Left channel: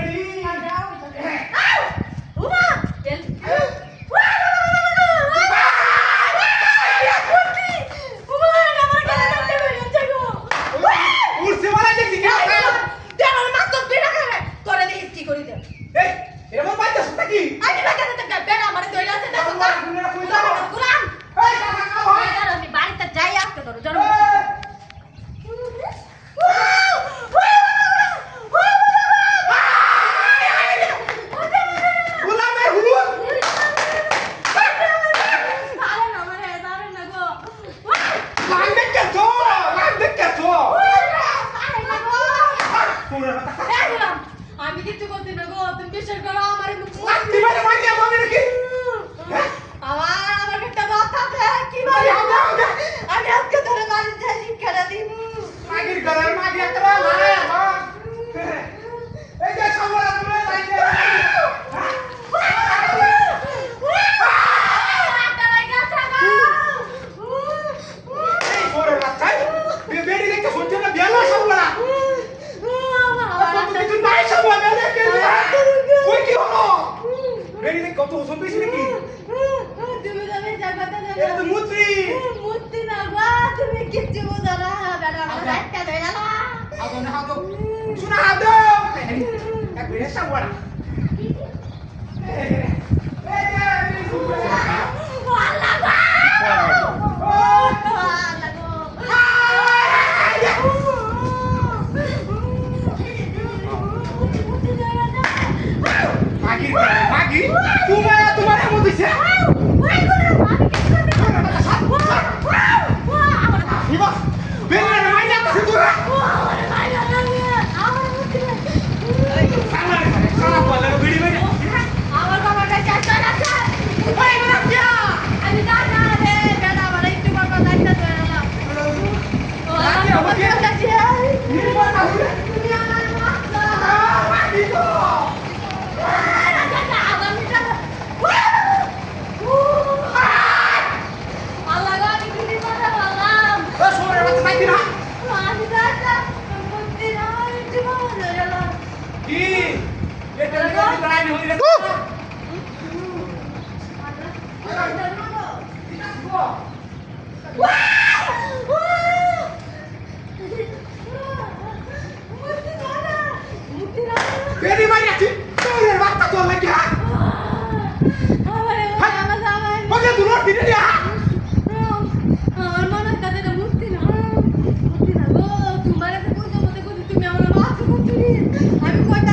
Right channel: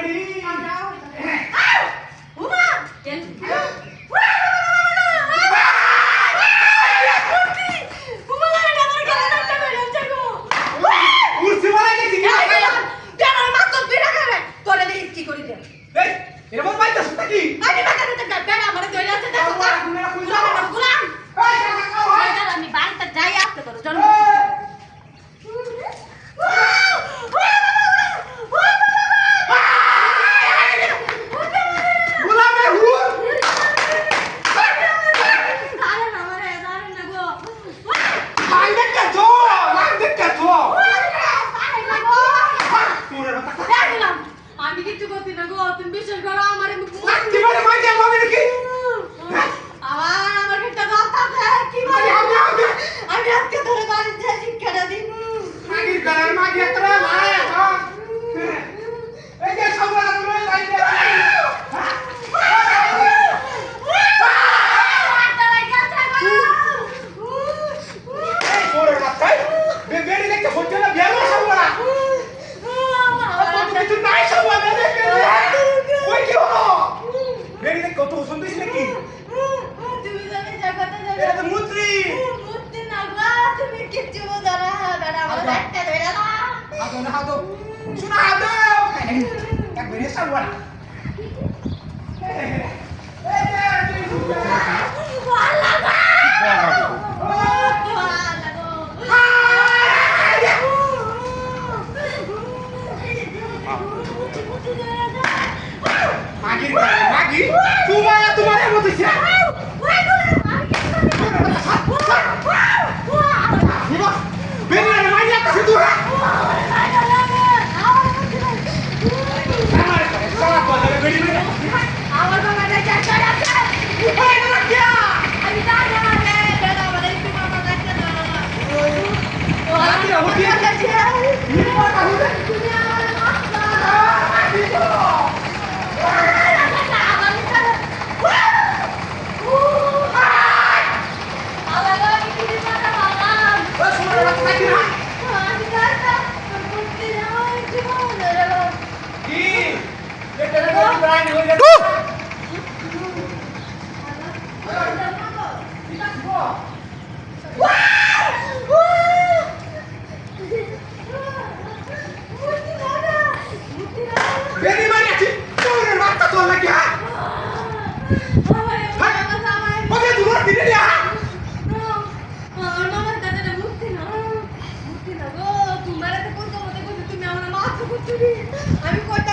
বেড়ি উমা কেন উড়ছে মারা গেছি কি আমার মা তো বিনা করে তোরে দিয়ে কি করি দে এই এর মধ্যে বাইতে আছে নাকি আমি বাটা বাটা বেড়া আমার দইলা আছে দেখো গুলাম আমি বাড়িতে যাই আজকে তোর জন্য আমি কিছু করছি না গো তুমি বিশ্বাস করো আমার আমার একটা কথা আছে কি বলি আমি আজকে ধরে বাড়ি যাই শিক্ষাটা দিব কত ওজন দিয়েছি নাকি তুমি জানে জায়গাটা এটা তো মূর্তি মুক্তি না গো তুমি কিচ্ছু বোঝো না দাদা আমার একটা ধরে না আদনে হাতো শুনা হাতো একবার এসে বড়া মাগি তোমার এমন দিছে বেলা মাইয়া তো তুরা আমার সারা বলে বেড়ি বেড়ি আমার বাবা এটা চাচা আছে ওই না কি আমি দাদা রে দাদা বলে একটু বাবা কাছে ধরে না ও আমি ওকে কাছে নি কথা বলে তুমি আমার মাস্টার মাগি তো ও শুনে রাত থাকি না কি এটা না কি প্রাণ হই রে বেরি মানে কি তোর বাচ্চা তো লাগি হ্যাঁ ওকে দুবার দিনে দে হ্যাঁ আমি কইতা